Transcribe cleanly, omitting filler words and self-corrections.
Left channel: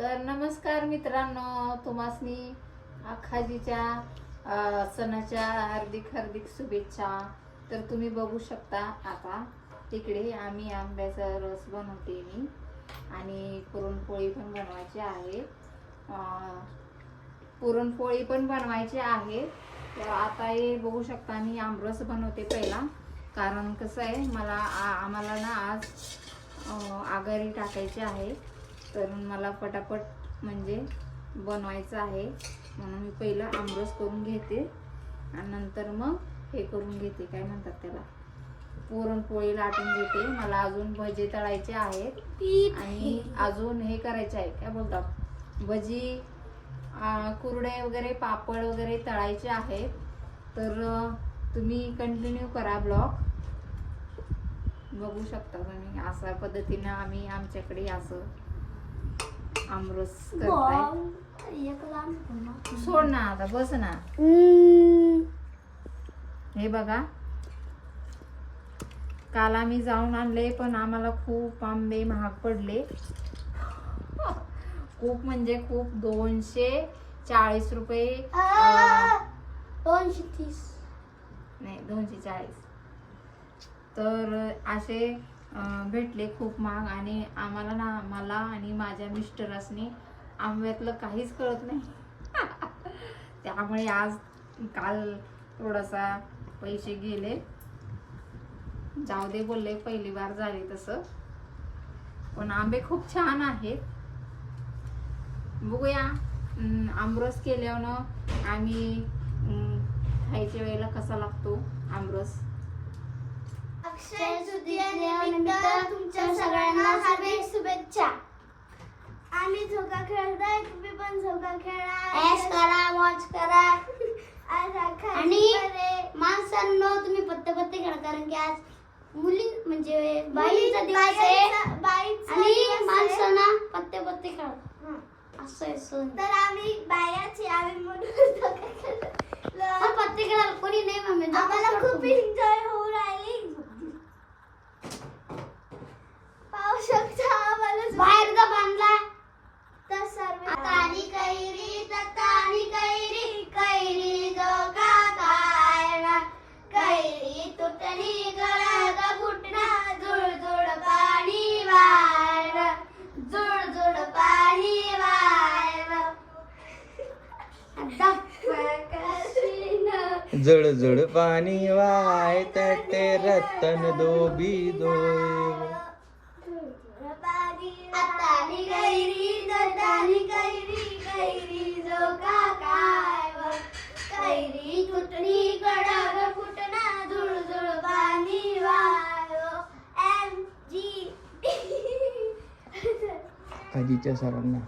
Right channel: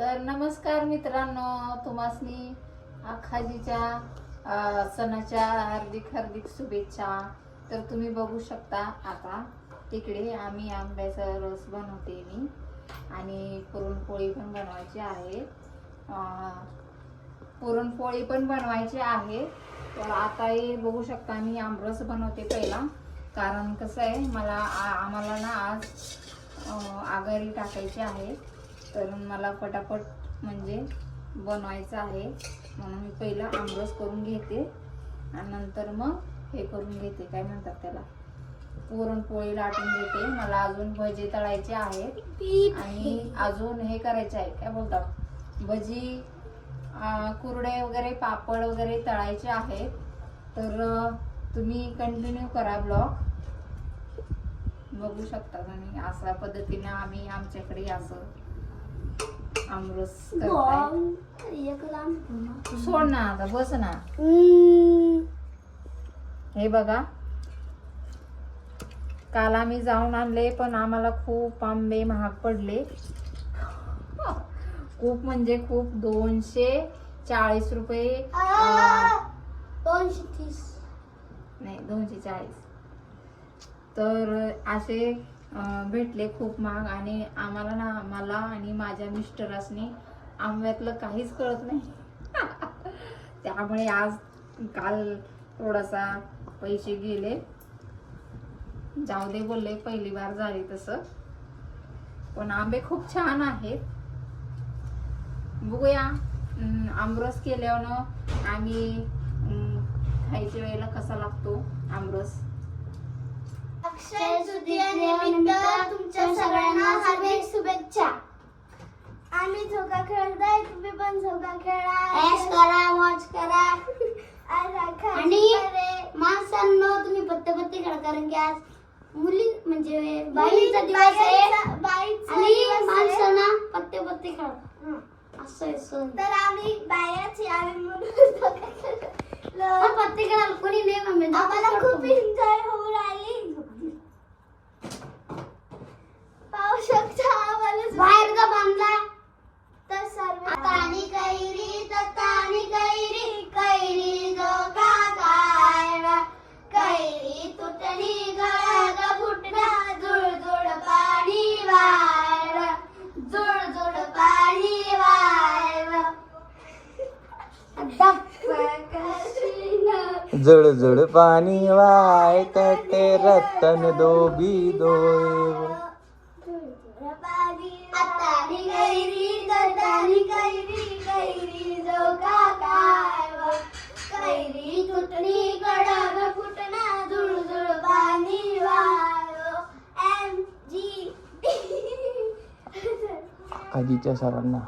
तर नमस्कार मित्रांनो, तुम्हासनी आखाजीच्या सणाच्या हार्दिक हार्दिक शुभेच्छा. तर तुम्ही बघू शकता आता तिकडे आम्ही आंब्याचा रस बनवते मी आणि पुरणपोळी पण बनवायची आहे. पुरणपोळी पण बनवायची आहे. तर आताही बघू शकता मी आमरस बनवते पहिला, कारण कसं आहे आम्हाला ना आज आगरी टाकायची आहे. तर मला पटापट म्हणजे बनवायचं आहे, म्हणून मी पहिला आमरस करून घेते आणि नंतर मग हे करून घेते, काय म्हणतात त्याला, पुरणपोळी लाटून घेते. मला अजून भजी तळायचे आहेत आणि अजून हे करायचे आहे, काय बोलतात, भजी, कुरडे वगैरे, पापड वगैरे तळायचे आहेत. तर तुम्ही कंटिन्यू करा ब्लॉग. बघू शकता तुम्ही अशा पद्धतीने आम्ही आमच्याकडे असं आमरस करताय. सोड ना आता, बस ना. हे बघा, काल आम्ही जाऊन आणले पण आम्हाला खूप आंबे महाग पडले. खूप म्हणजे खूप, 240 रुपये, 230 नाही 240. तर असे भेटले खूप महाग. आणि आम्हाला ना, मला आणि माझ्या मिस्टरांनी आंब्यातलं काहीच कळत नाही. त्यामुळे आज काल थोडासा पैसे गेले. जाऊ दे बोलले, पहिली बार झाली तसं. पण आंबे खूप छान आहेत. बघूया आमरस केल्यावर आम्ही खायच्या वेळेला कसा लागतो आमरस. अक्षय तृतीयेनिमित्त तुमच्या सगळ्यांना हार्दिक शुभेच्छा. आम्ही झोका खेळतोय, तुम्ही पण झोका खेळा, ऐश करा, मौज करा. आणि माणसांनो, तुम्ही पत्ते खेळा, कारण की आज मुली म्हणजे बाईचा दिवस आहे आणि माणसांना पत्ते खेळा असं सण. तर आम्ही बायाची आम्ही म्हणून पत्ते खेळायला कोणी नाही मम्मी, आम्हाला खूप एन्जॉय होऊ राहिली. पाहू शकता आम्हाला बाहेर का बांधला तर सर्व तानी कैरी तानी कैरी कैरी जो काकायला कैरी तुटणी गळा फुटणा जुळ जुळ पाणी वायला जुळ जुळ पाणी वायला जुळ जुळ पाणी वाय तटे रतन दोबी दोय. तानी कैरी कैरी जो काकायला कैरी तुटणी गळा फुटणा जुळ जुळ पाणी वायला. MG आजीच्या सरांना